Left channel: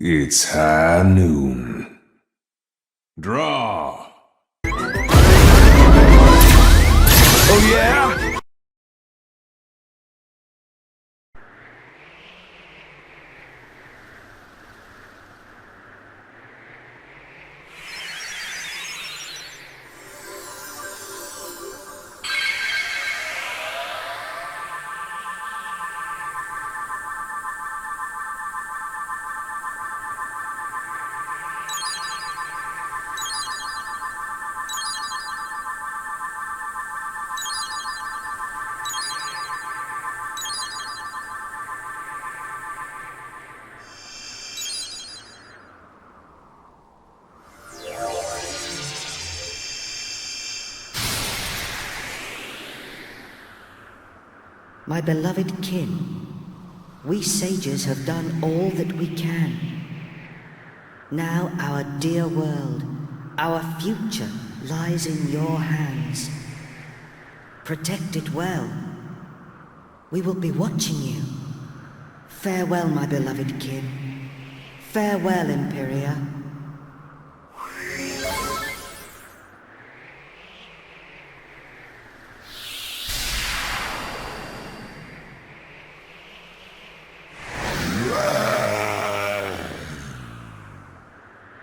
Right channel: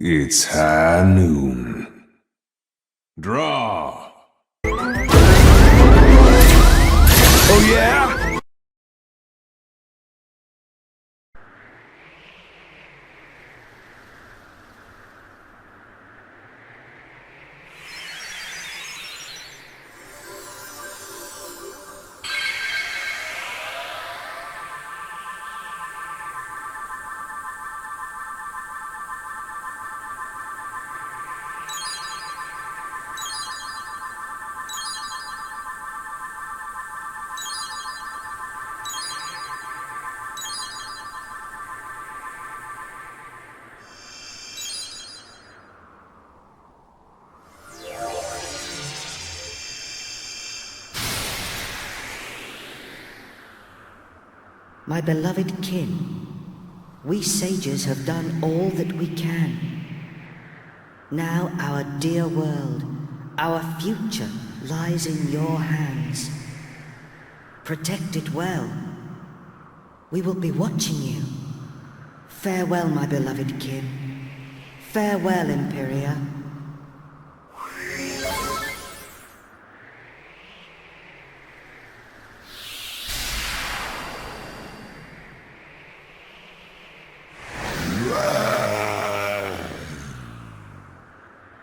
It's high noon. Draw. Oh yeah? My beloved kin, we sages have done all that we can. Now our dear world, our future lies in your hands. Protect it well. We will be watching you. Farewell, my beloved kin. Farewell, Imperia.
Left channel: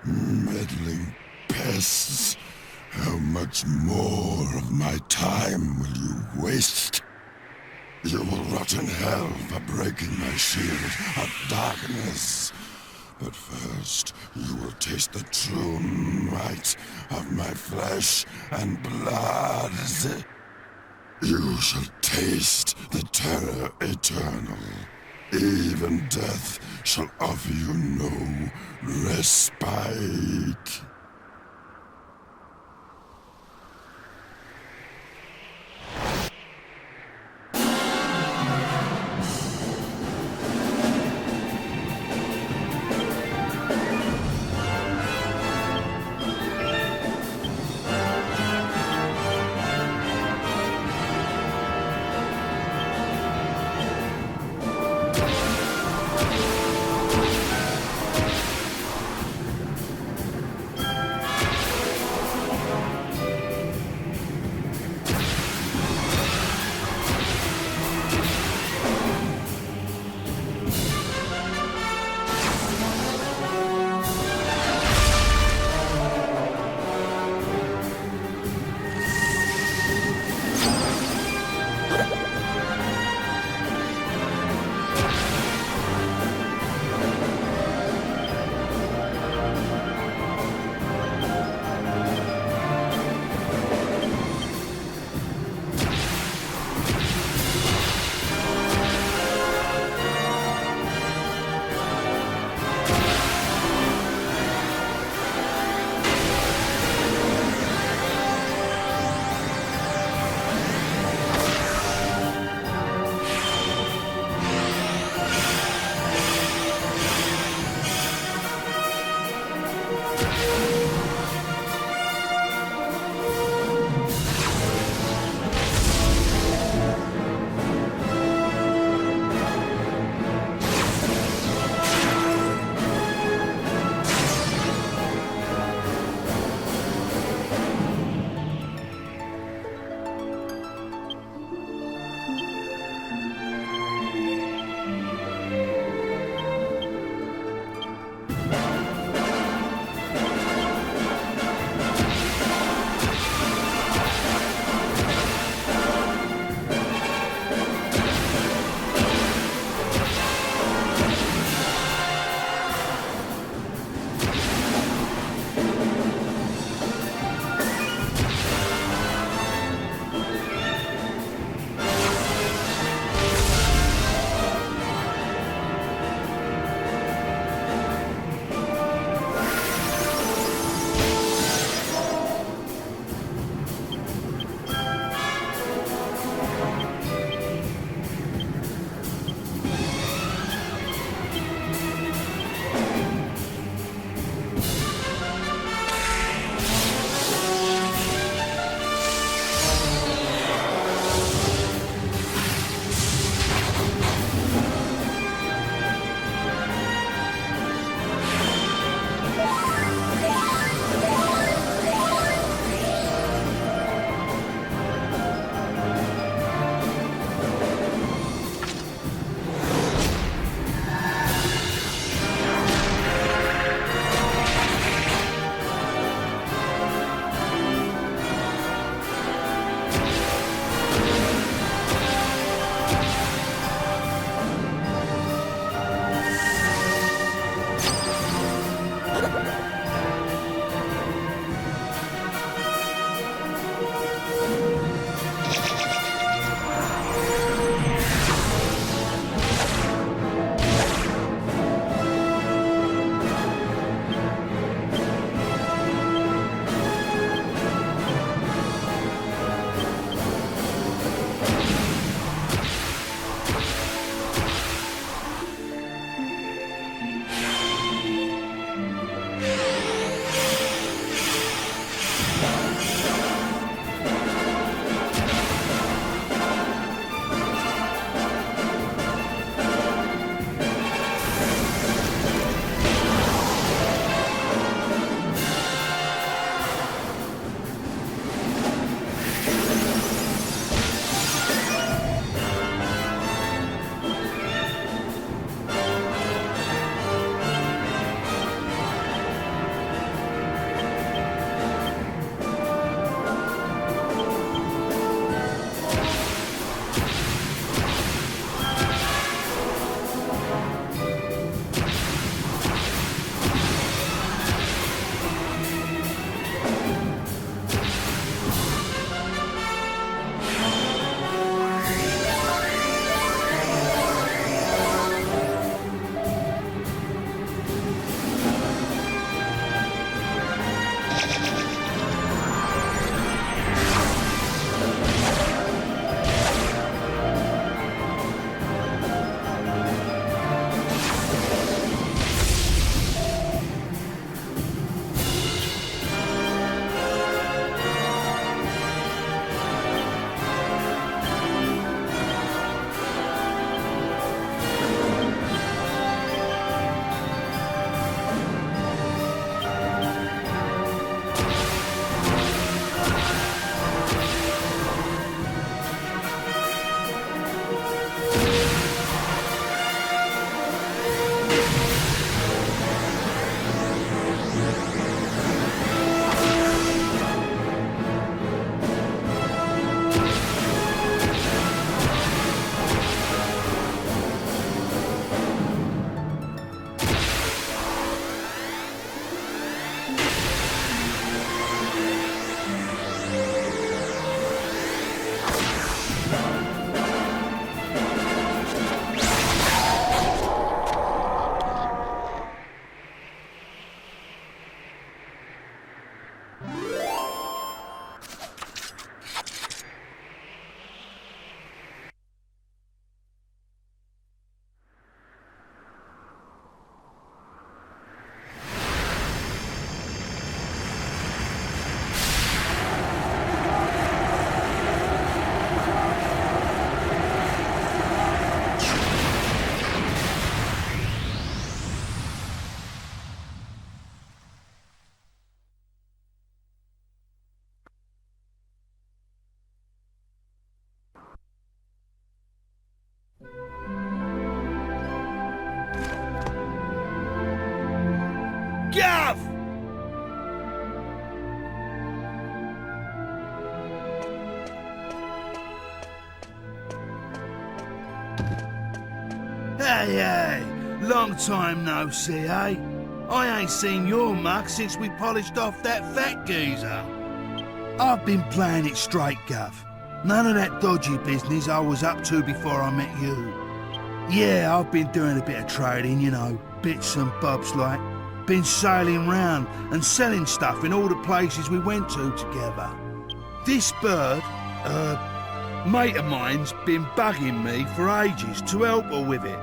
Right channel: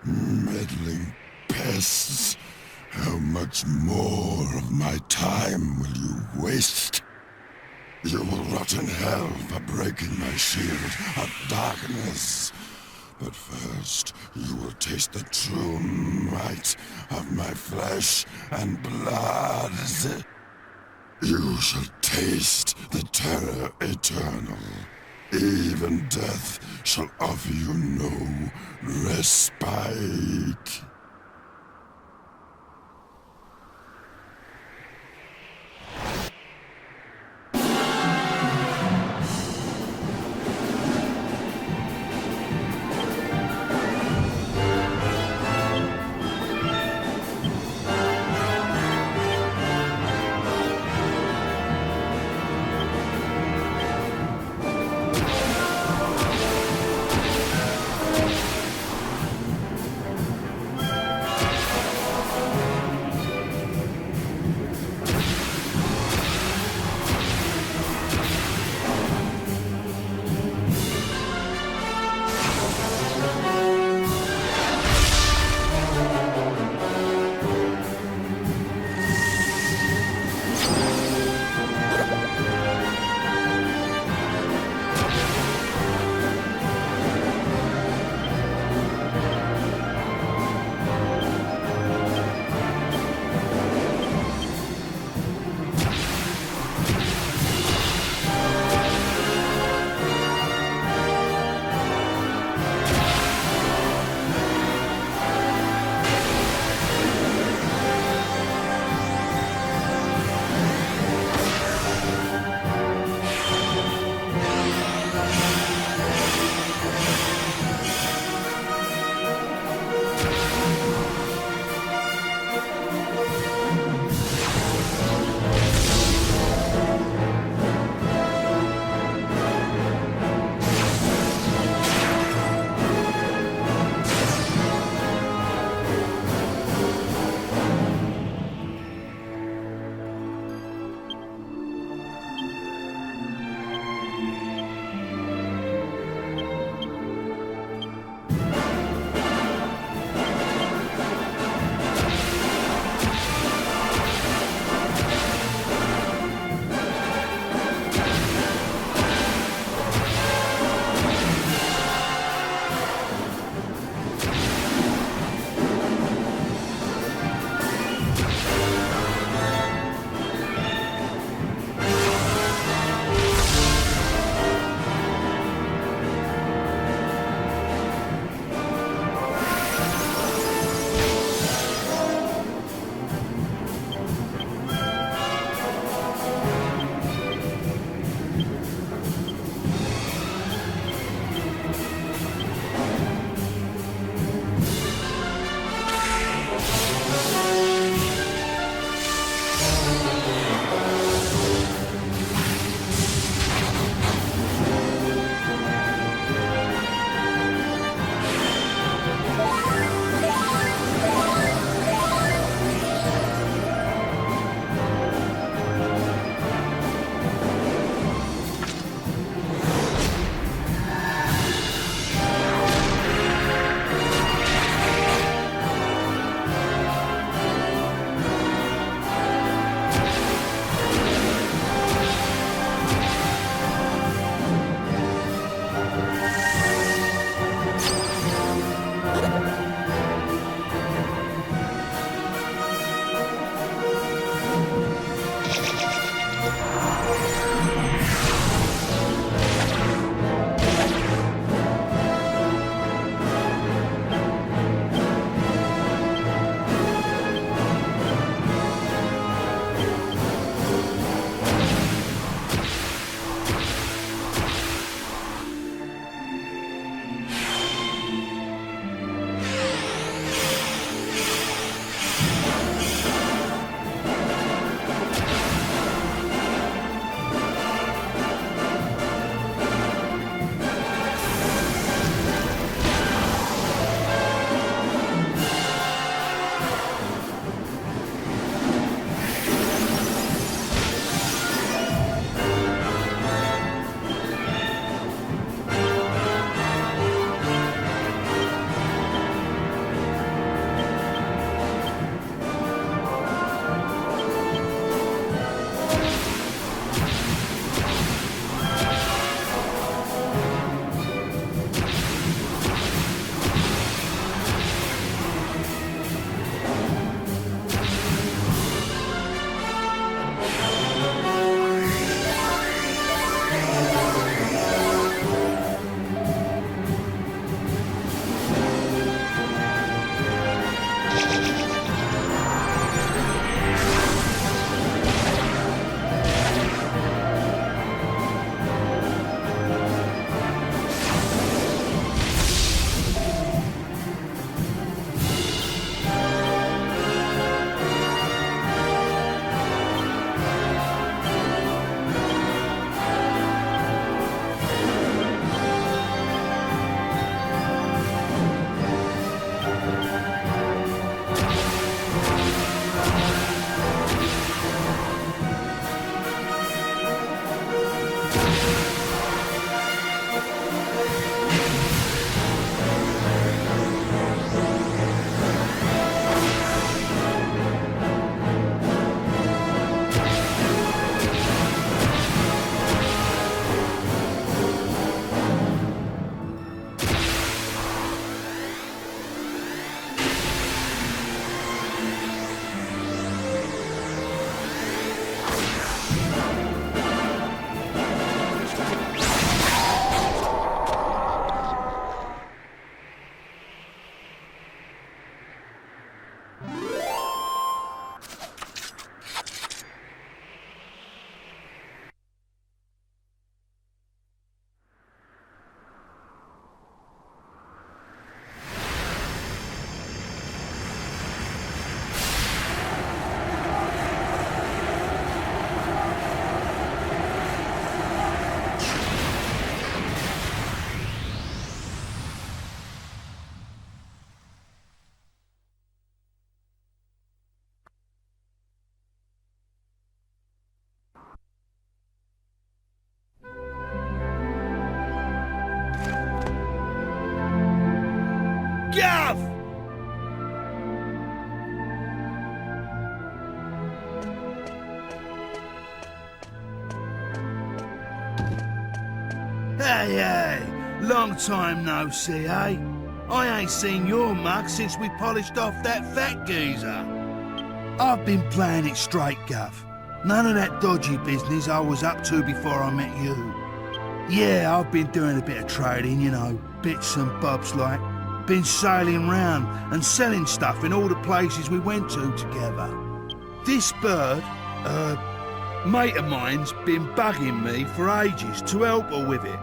Meddling pests, how much more of my time will you waste? You will rot in hell for breaking my shield of darkness. But first, you will taste the true might of my flesh and blood. You shall taste the terror eternal. Even death shall offer you no respite. Hey, long time no see, eh? I ain't seen your mug since we polished off that fat geezer. I've been playing it straight, Gov. None of that dodgy business I was up to before I met you. Yeah, I've been doing a bit of trading, you know, bits and bobs like. Been sailing round and selling stuff in all the places we went to together. This bird, mate of mine's been bugging me for ages to help her with it.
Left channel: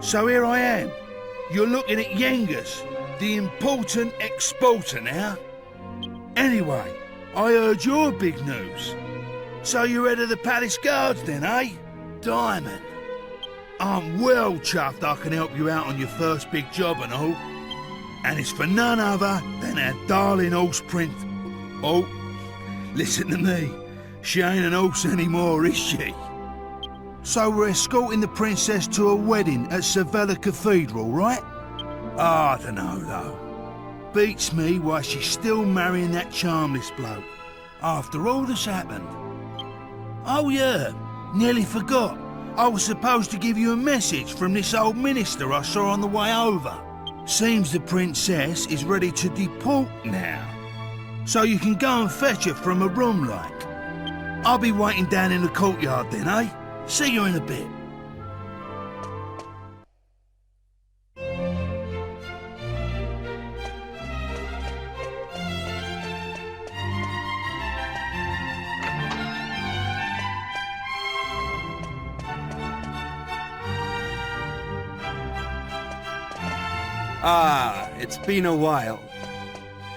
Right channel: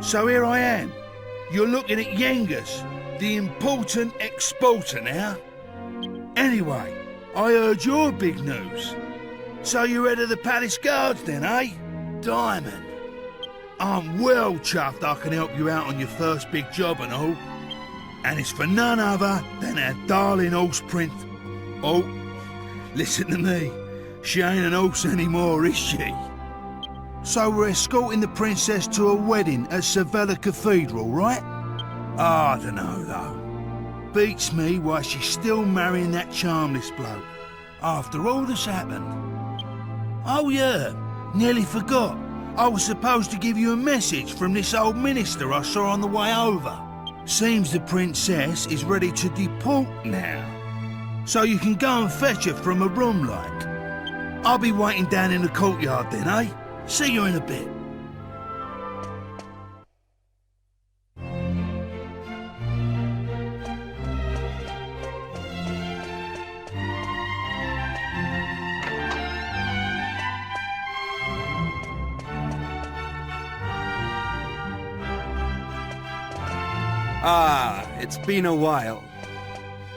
So here I am. You're looking at Yengus, the important exporter now. Anyway, I heard your big news. So you're head of the palace guards then, eh? Diamond. I'm well chuffed I can help you out on your first big job and all. And it's for none other than our darling horse prince. Oh, listen to me. She ain't an horse anymore, is she? So we're escorting the princess to a wedding at Sevilla Cathedral, right? I don't know, though. Beats me why she's still marrying that charmless bloke, after all that's happened. Oh yeah, nearly forgot. I was supposed to give you a message from this old minister I saw on the way over. Seems the princess is ready to deport now. So you can go and fetch her from a room like. I'll be waiting down in the courtyard then, eh? See you in a bit. Ah, it's been a while.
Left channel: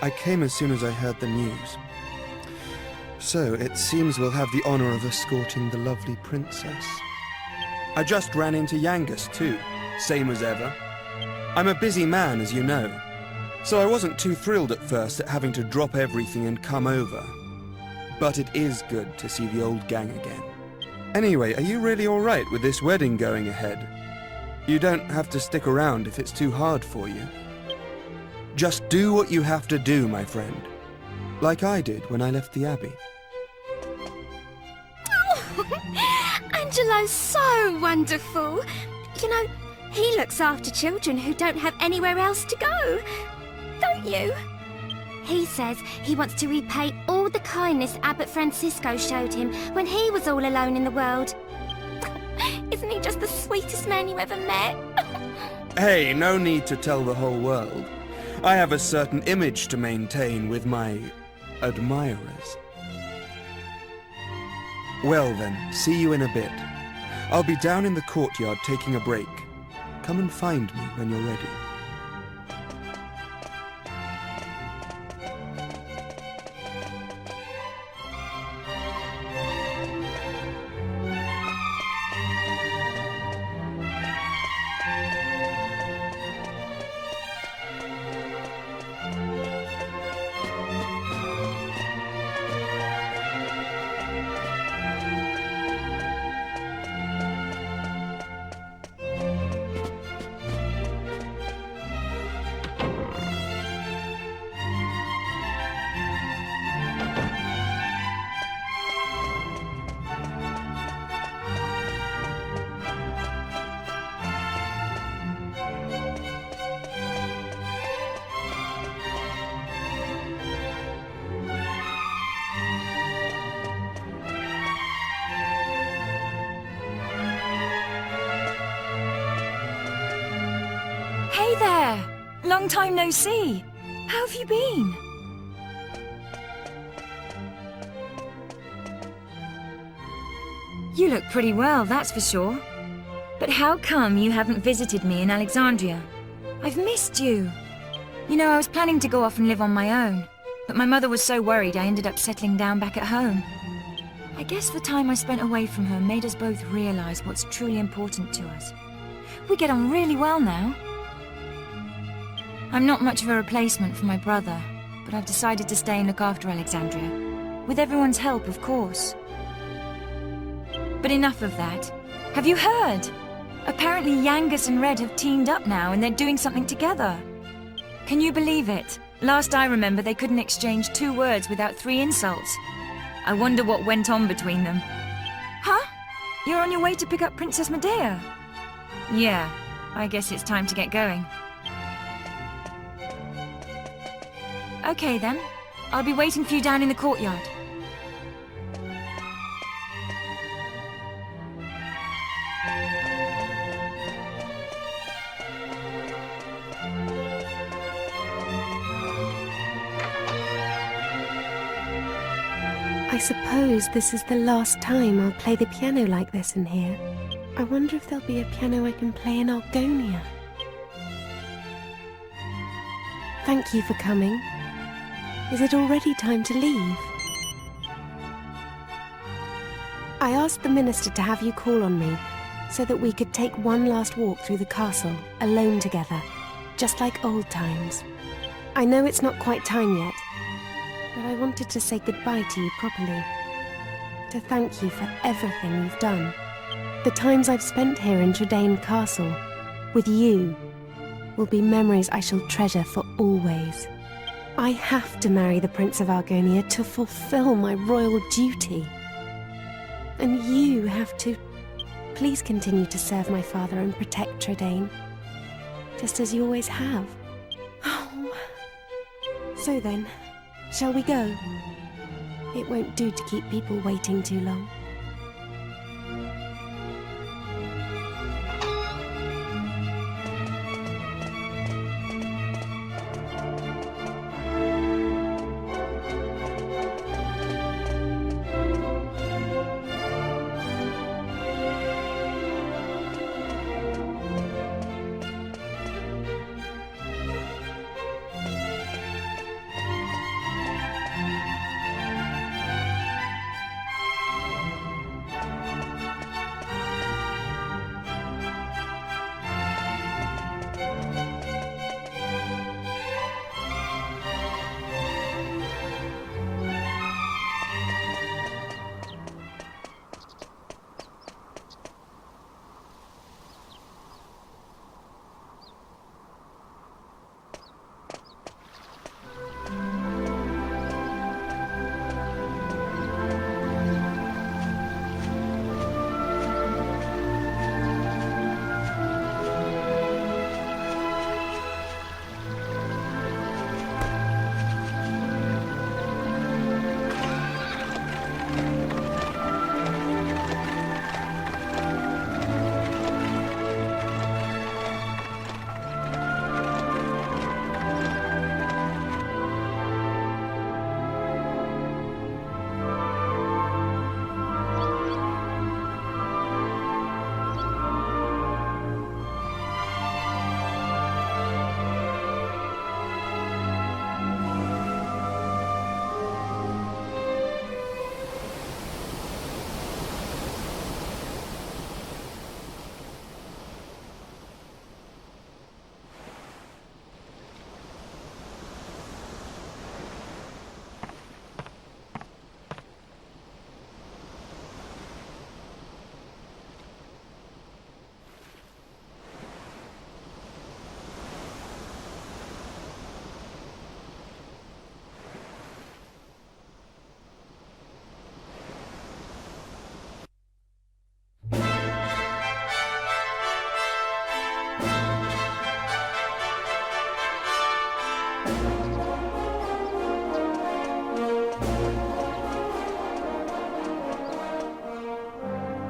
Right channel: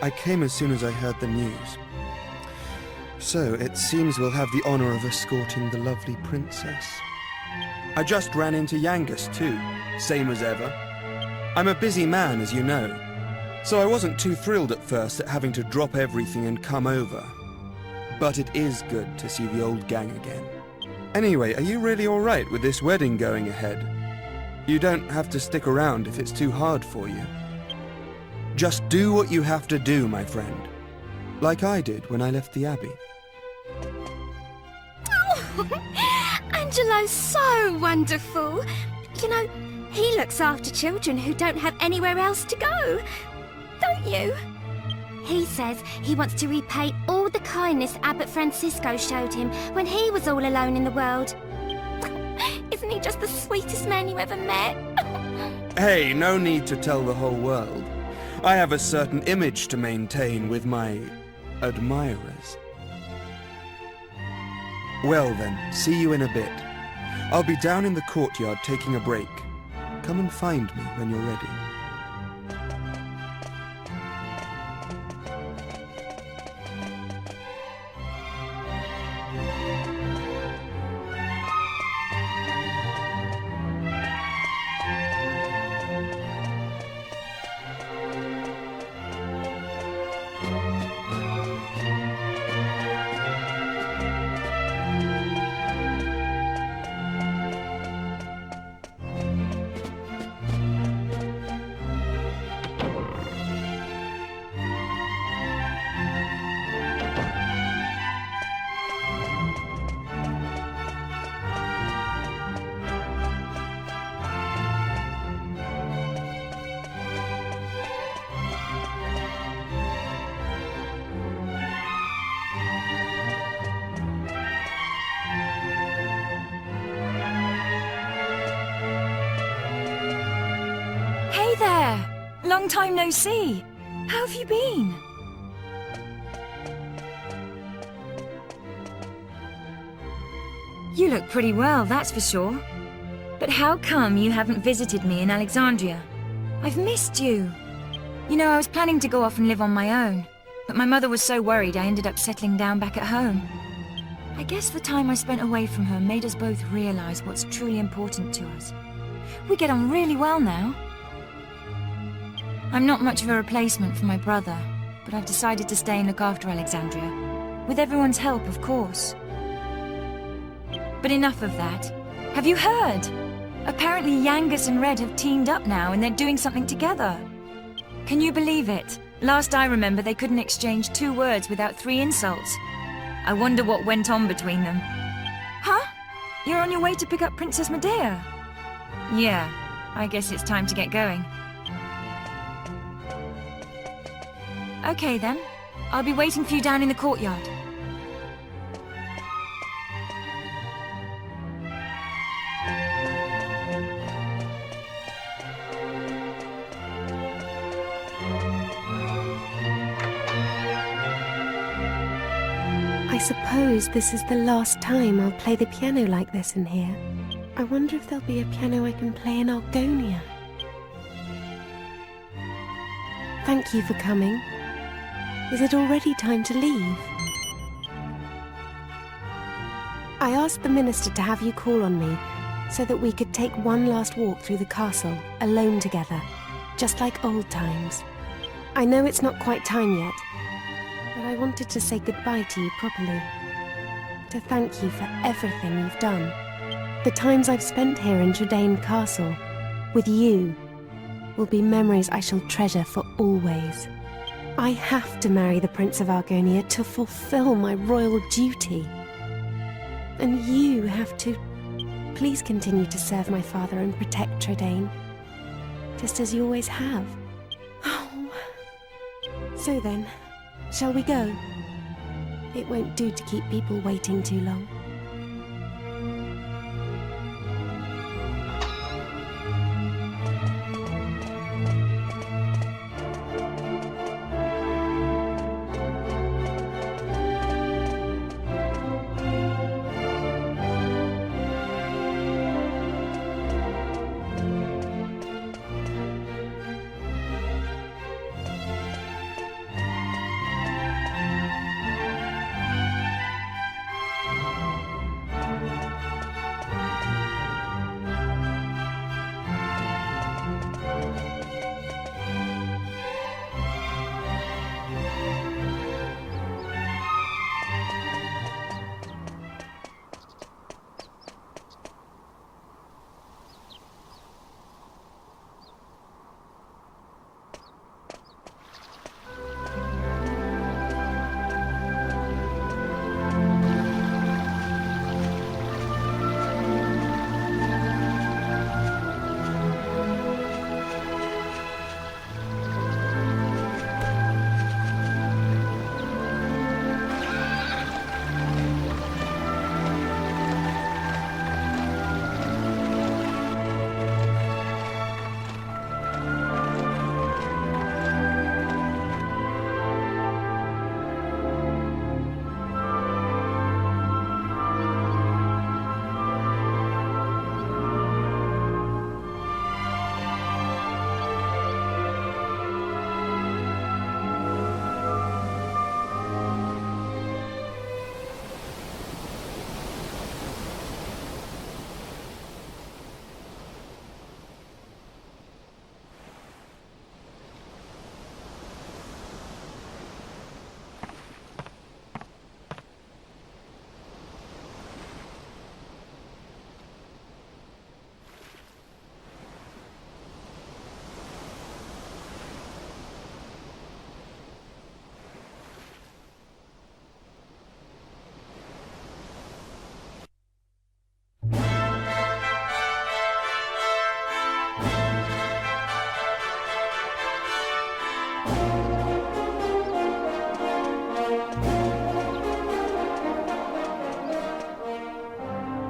I came as soon as I heard the news. So, it seems we'll have the honor of escorting the lovely princess. I just ran into Yangus too, same as ever. I'm a busy man, as you know, so I wasn't too thrilled at first at having to drop everything and come over. But it is good to see the old gang again. Anyway, are you really alright with this wedding going ahead? You don't have to stick around if it's too hard for you. Just do what you have to do, my friend. Like I did when I left the Abbey. Oh, Angelo's so wonderful. You know, he looks after children who don't have anywhere else to go. Don't you? He says he wants to repay all the kindness Abbot Francisco showed him when he was all alone in the world. Isn't he just the sweetest man you ever met? Hey, no need to tell the whole world. I have a certain image to maintain with my admirers. Well then, see you in a bit. I'll be down in the courtyard taking a break. Come and find me when you're ready. Hey there! Long time no see. How have you been? You look pretty well, that's for sure. But how come you haven't visited me in Alexandria? I've missed you. You know, I was planning to go off and live on my own, but my mother was so worried I ended up settling down back at home. I guess the time I spent away from her made us both realize what's truly important to us. We get on really well now. I'm not much of a replacement for my brother, but I've decided to stay and look after Alexandria. With everyone's help, of course. But enough of that. Have you heard? Apparently Yangus and Red have teamed up now and they're doing something together. Can you believe it? Last I remember, they couldn't exchange 2 words without 3 insults. I wonder what went on between them. Huh? You're on your way to pick up Princess Medea? Yeah, I guess it's time to get going. Okay then. I'll be waiting for you down in the courtyard. I suppose this is the last time I'll play the piano like this in here. I wonder if there'll be a piano I can play in Argonia. Thank you for coming. Is it already time to leave? I asked the minister to have you call on me so that we could take one last walk through the castle, alone together, just like old times. I know it's not quite time yet, but I wanted to say goodbye to you properly. To thank you for everything you've done. The times I've spent here in Trudane Castle, with you, will be memories I shall treasure for always. I have to marry the Prince of Argonia to fulfill my royal duty. And you have to... Please continue to serve my father and protect Trudane, just as you always have. Oh. So then, shall we go? It won't do to keep people waiting too long.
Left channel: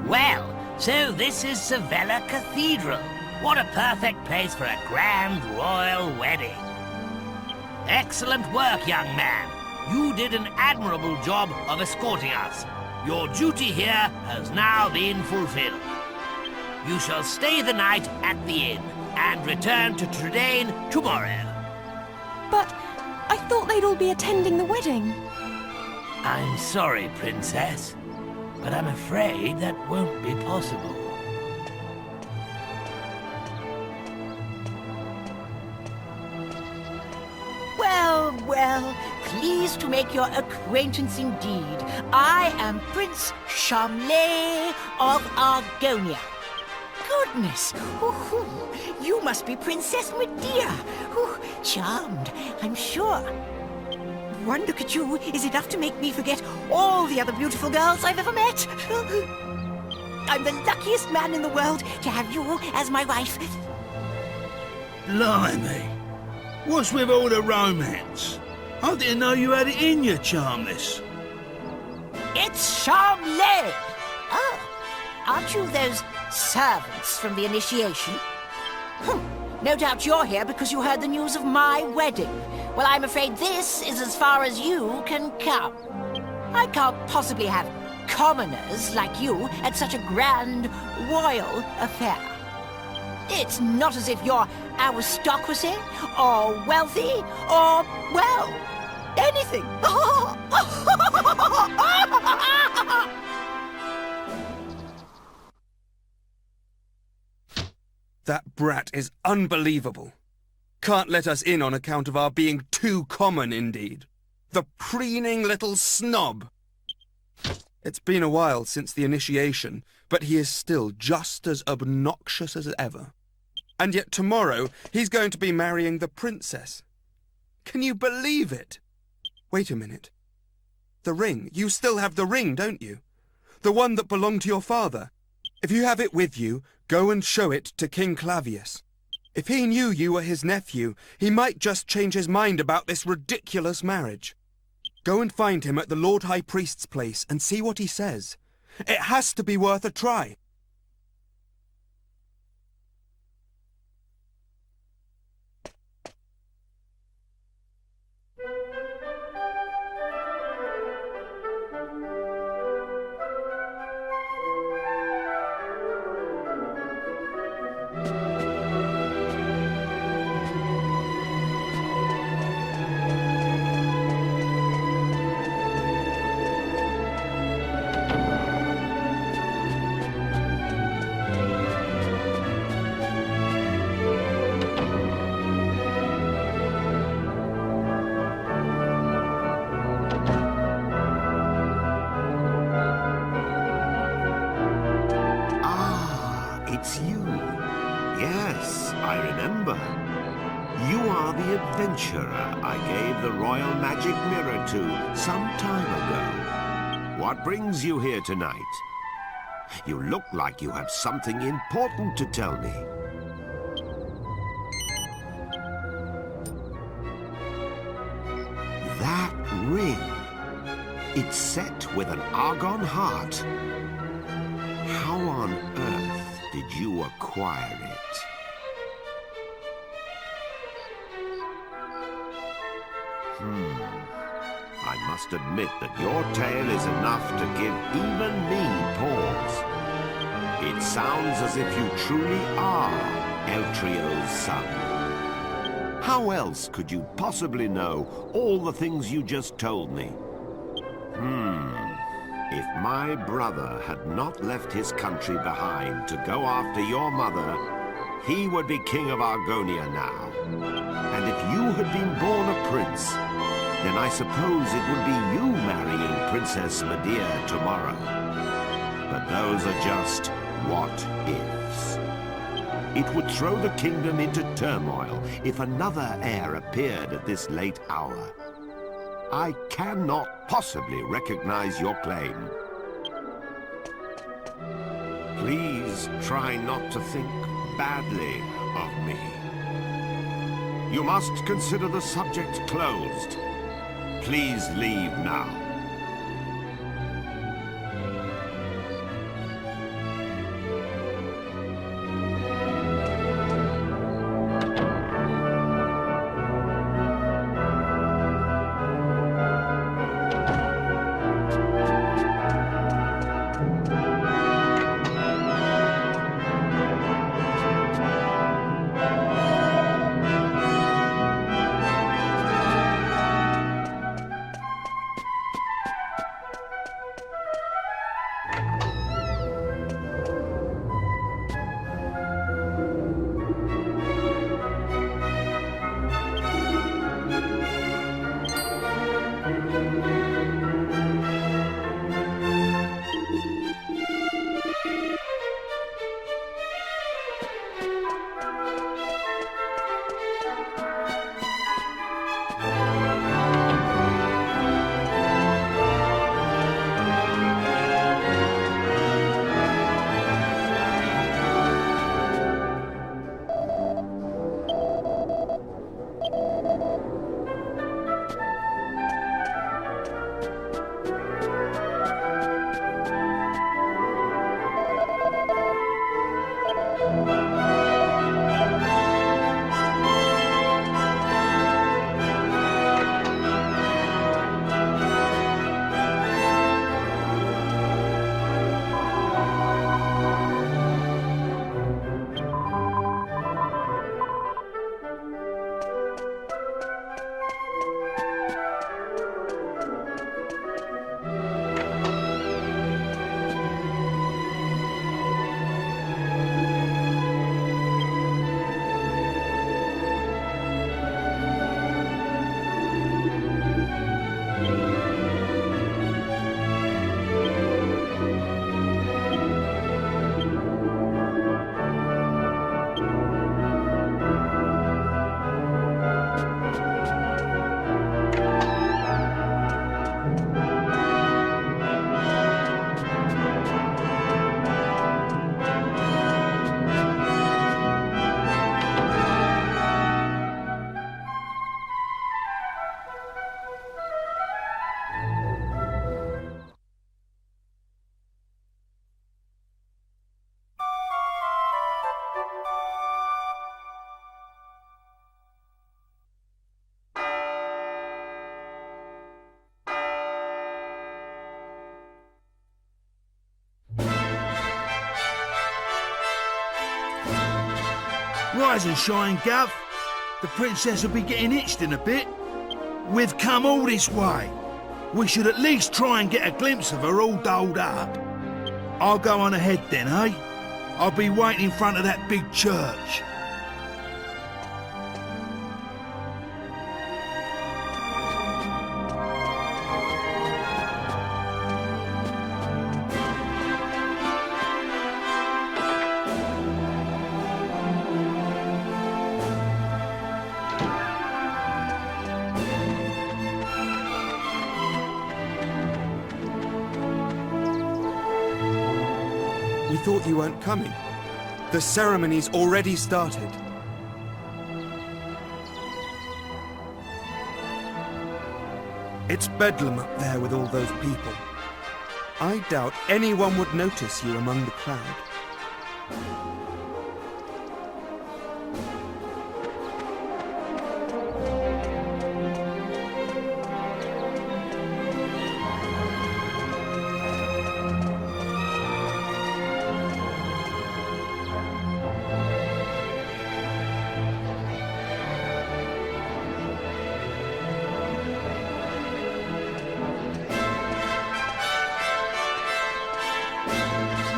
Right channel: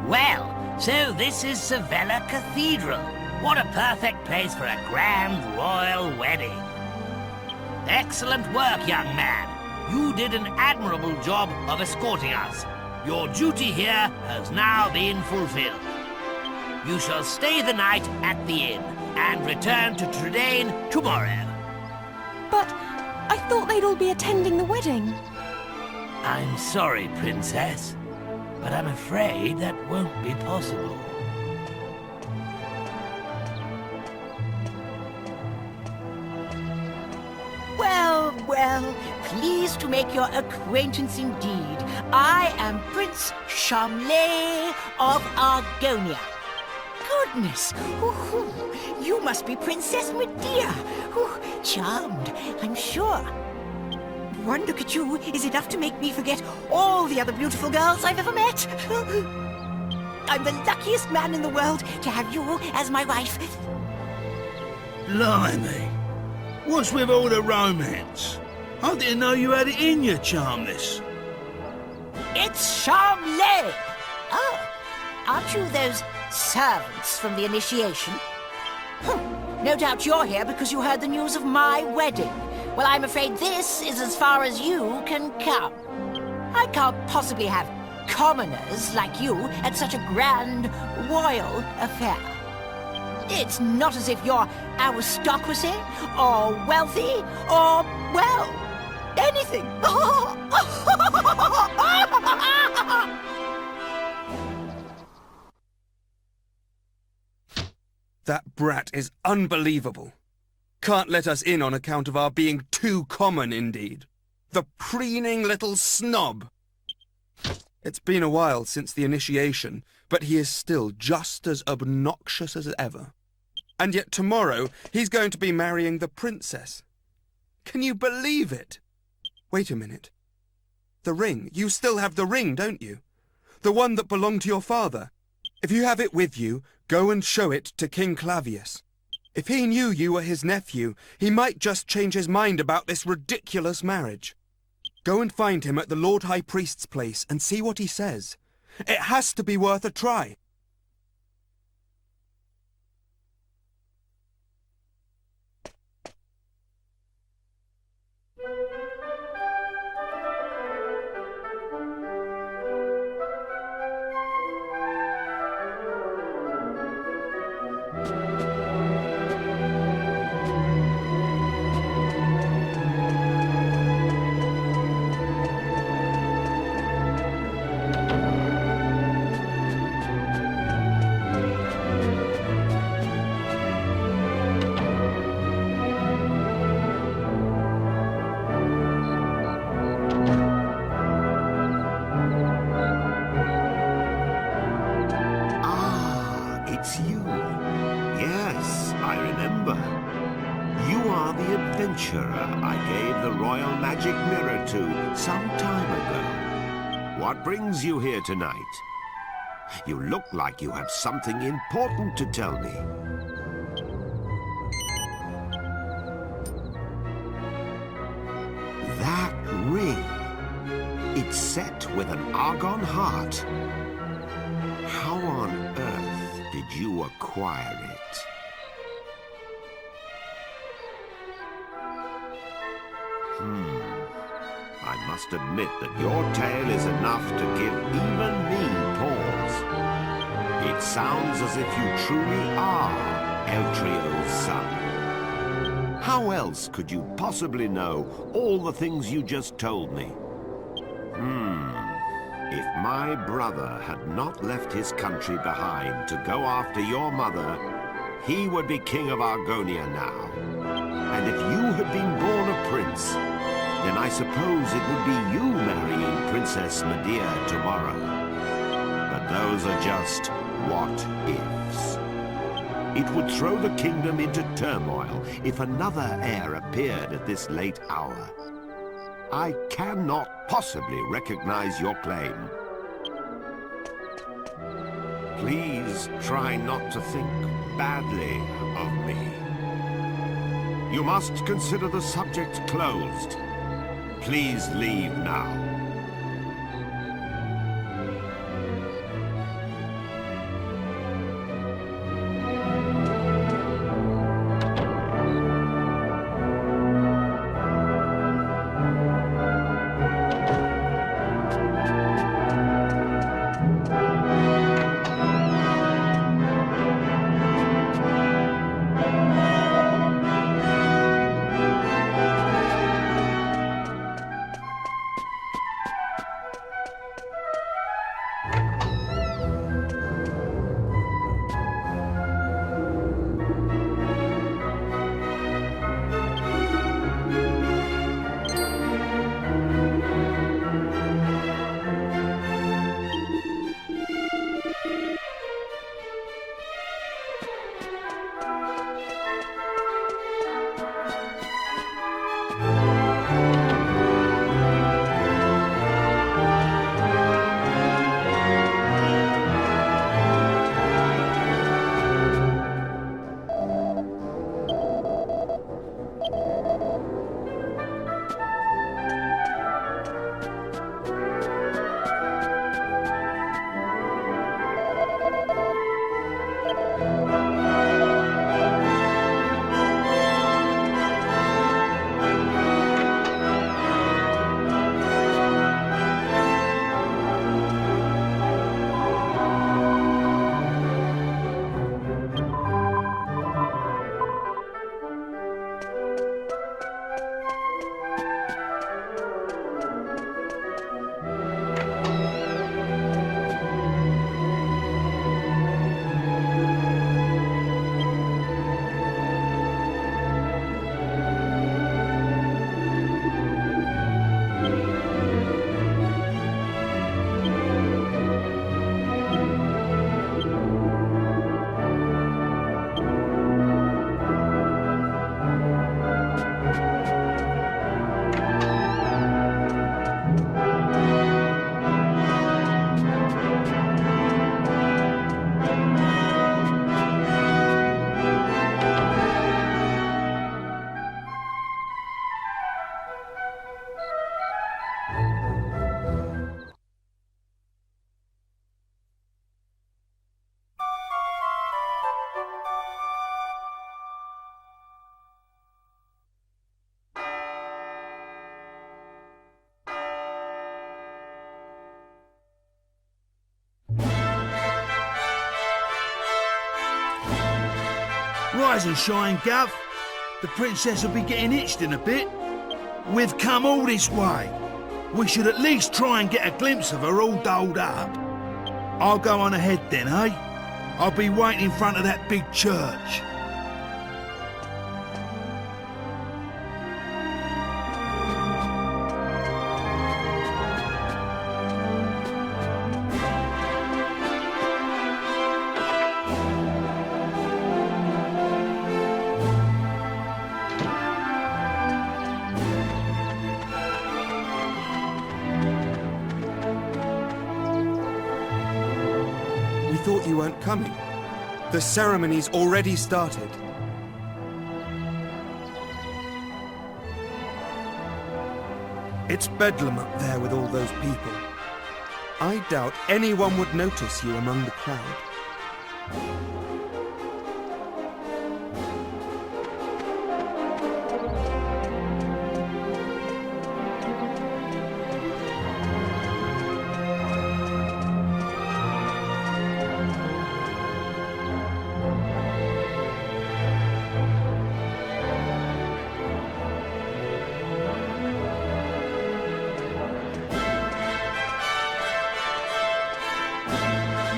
Well, so this is Sevilla Cathedral. What a perfect place for a grand royal wedding. Excellent work, young man. You did an admirable job of escorting us. Your duty here has now been fulfilled. You shall stay the night at the inn and return to Trudane tomorrow. But I thought they'd all be attending the wedding. I'm sorry, Princess, but I'm afraid that won't be possible. Well, well, pleased to make your acquaintance indeed. I am Prince Charmley of Argonia. Goodness, you must be Princess Medea. Charmed, I'm sure. One look at you is enough to make me forget all the other beautiful girls I've ever met. I'm the luckiest man in the world to have you as my wife. Blimey. What's with all the romance? I didn't know you had it in you, Charmless. It's Charmley! Oh, aren't you those servants from the initiation? No doubt you're here because you heard the news of my wedding. Well, I'm afraid this is as far as you can come. I can't possibly have commoners like you at such a grand royal affair. It's not as if you're aristocracy, or wealthy, or, well, anything. That brat is unbelievable. Can't let us in on account of our being too common, indeed. The preening little snob. It's been a while since the initiation, but he is still just as obnoxious as ever. And yet tomorrow he's going to be marrying the princess. Can you believe it? Wait a minute. The ring. You still have the ring, don't you? The one that belonged to your father. If you have it with you, go and show it to King Clavius. If he knew you were his nephew, he might just change his mind about this ridiculous marriage. Go and find him at the Lord High Priest's place and see what he says. It has to be worth a try. It's you. Yes, I remember. You are the adventurer I gave the royal magic mirror to some time ago. What brings you here tonight? You look like you have something important to tell me. That ring. It's set with an argon heart. How on earth did you acquire it? I must admit that your tale is enough to give even me pause. It sounds as if you truly are Eltrio's son. How else could you possibly know all the things you just told me? If my brother had not left his country behind to go after your mother, he would be king of Argonia now. And if you had been born a prince, then I suppose it would be you marrying Princess Medea tomorrow. But those are just what-ifs. It would throw the kingdom into turmoil if another heir appeared at this late hour. I cannot possibly recognize your claim. Please try not to think badly of me. You must consider the subject closed. Please leave now. Rise and shine, Gov. The princess will be getting itched in a bit. We've come all this way. We should at least try and get a glimpse of her all dolled up. I'll go on ahead then, eh? I'll be waiting in front of that big church. We thought you weren't coming. The ceremony's already started. It's bedlam up there with all those people. I doubt anyone would notice you among the crowd.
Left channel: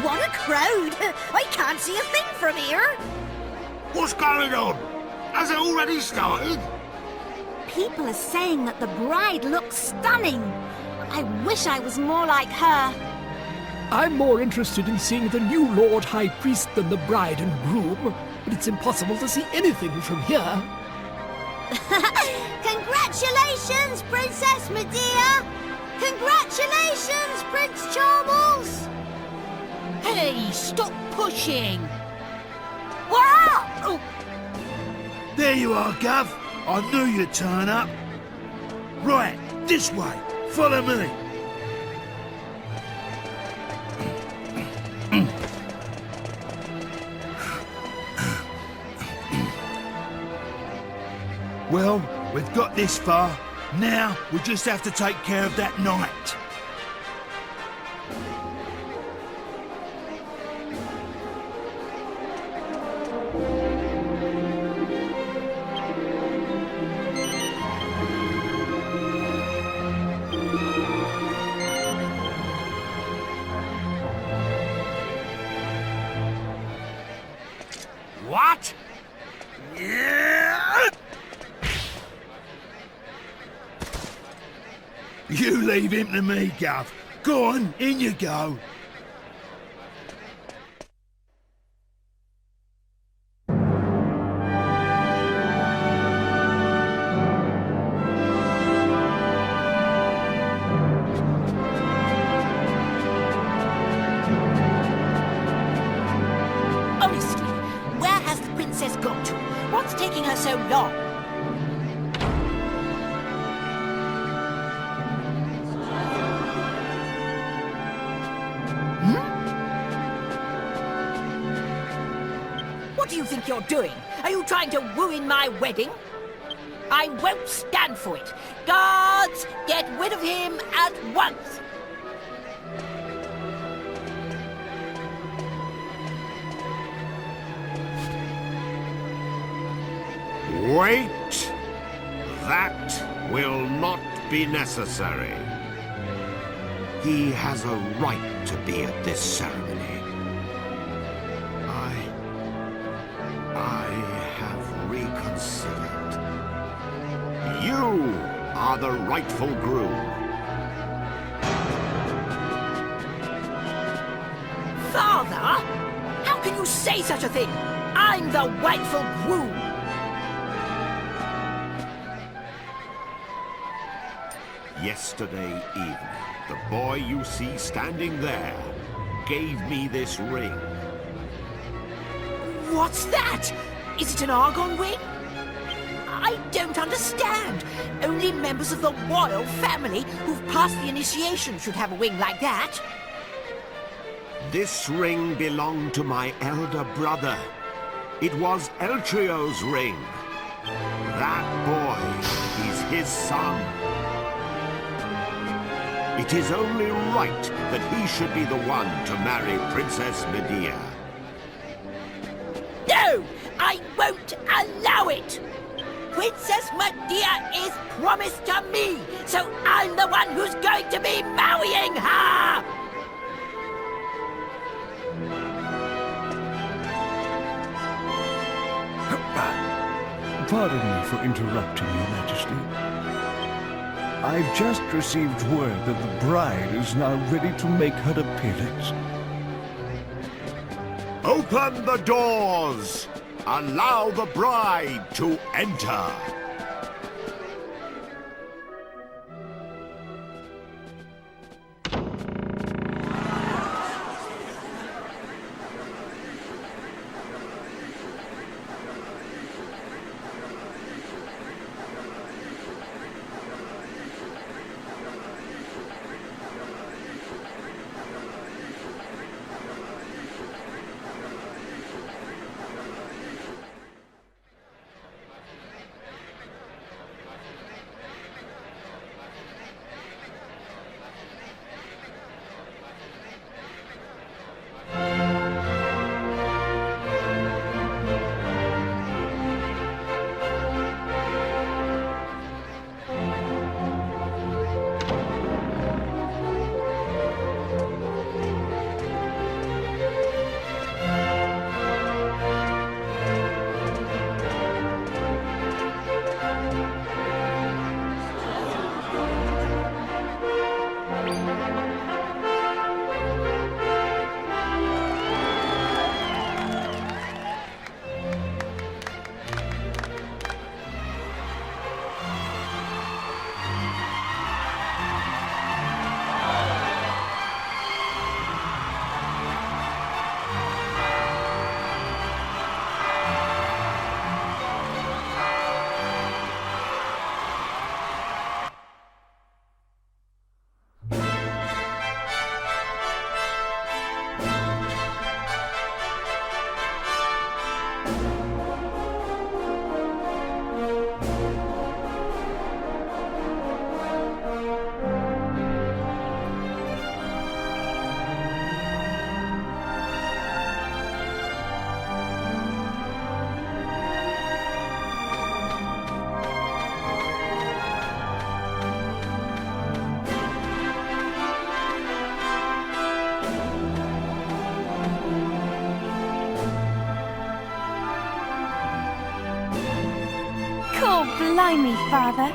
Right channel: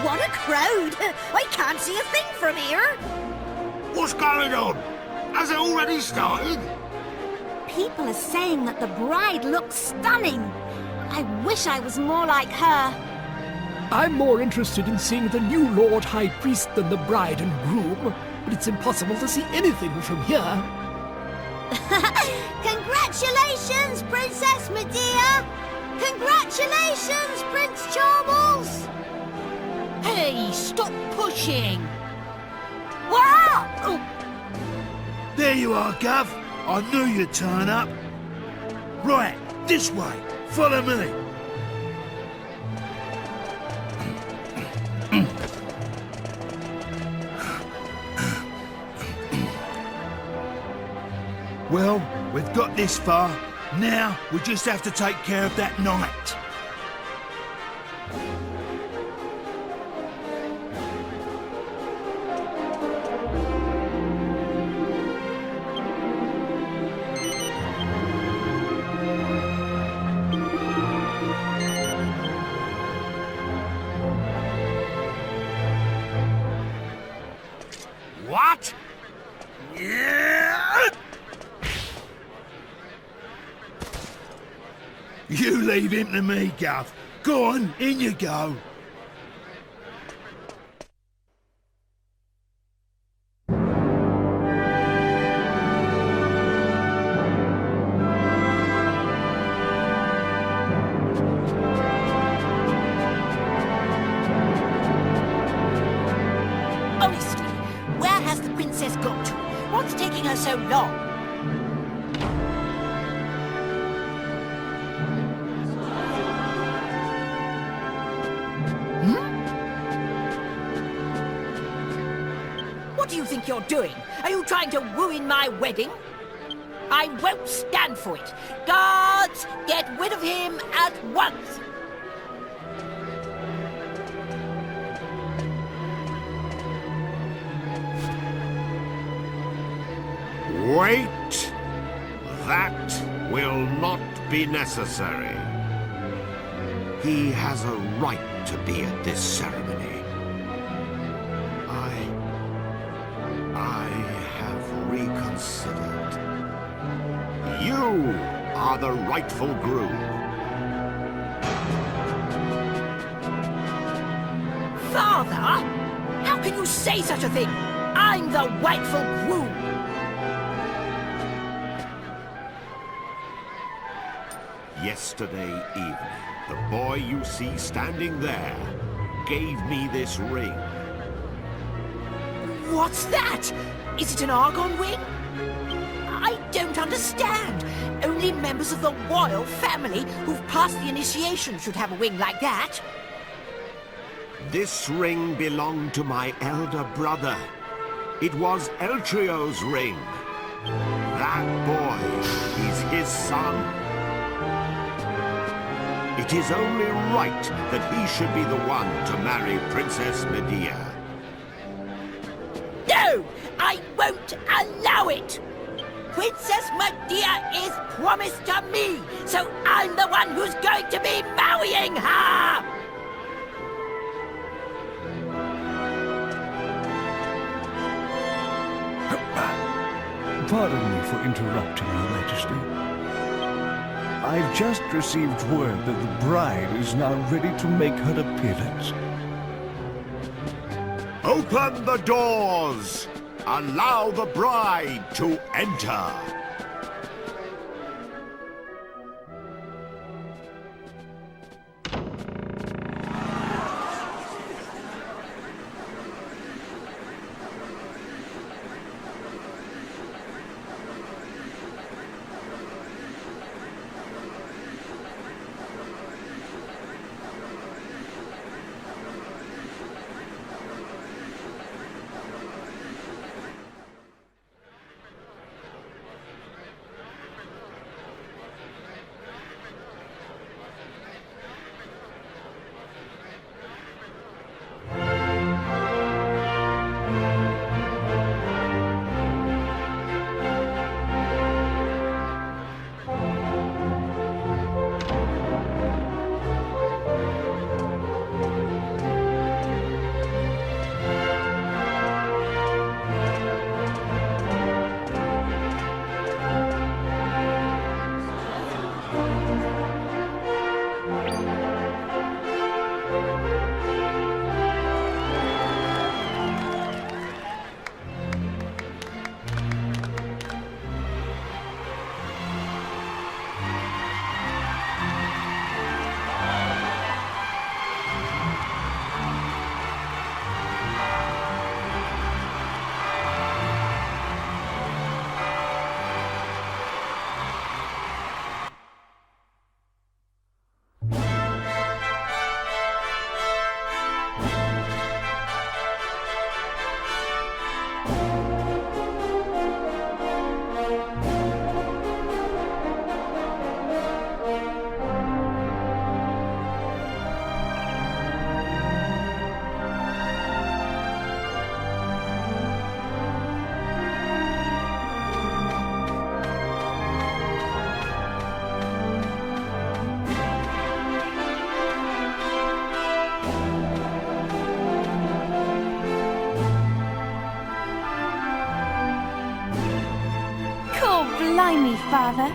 What a crowd! I can't see a thing from here. What's going on? Has it already started? People are saying that the bride looks stunning. I wish I was more like her. I'm more interested in seeing the new Lord High Priest than the bride and groom, but it's impossible to see anything from here. Congratulations, Princess Medea! Congratulations, Prince Charles! Hey, stop pushing! Wow! There you are, Gov. I knew you'd turn up. Right, this way. Follow me. Well, we've got this far. Now, we just have to take care of that knight. What? Yeah! You leave him to me, Gov. Go on, in you go. Honestly, where has the princess got to? What's taking her so long? What do you think you're doing? Are you trying to ruin my wedding? I won't stand for it. Guards, get rid of him at once! Wait! That will not be necessary. He has a right to be at this ceremony. I have reconsidered. You are the rightful groom. Father? How can you say such a thing? I'm the rightful groom! Yesterday evening, the boy you see standing there gave me this ring. What's that? Is it an argon ring? I don't understand. Only members of the royal family who've passed the initiation should have a ring like that. This ring belonged to my elder brother. It was Eltrio's ring. That boy is his son. It is only right that he should be the one to marry Princess Medea. No! No! I won't allow it! Princess Medea is promised to me, so I'm the one who's going to be marrying her! Pardon me for interrupting, Your Majesty. I've just received word that the bride is now ready to make her appearance. Open the doors! Allow the bride to enter! Oh, blimey, Father.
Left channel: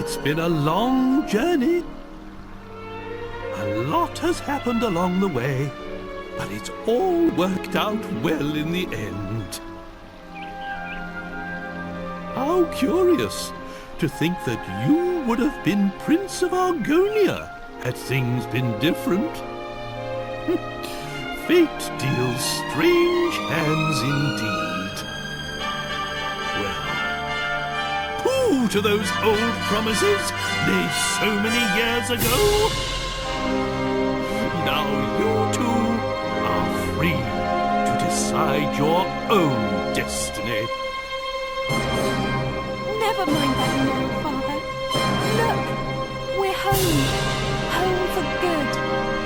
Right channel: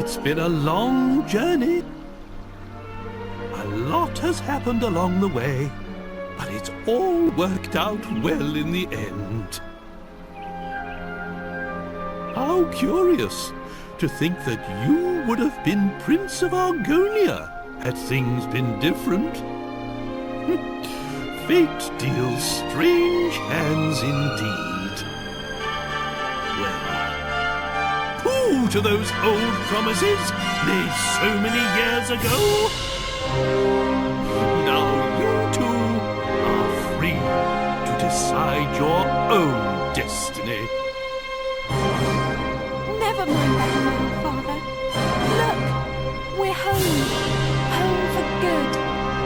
It's been a long journey. A lot has happened along the way, but it's all worked out well in the end. How curious to think that you would have been Prince of Argonia had things been different. Fate deals strange hands indeed. Well, pooh to those old promises made so many years ago. Now you two are free to decide your own destiny. Never mind that now, Father. Look, we're home. Home for good.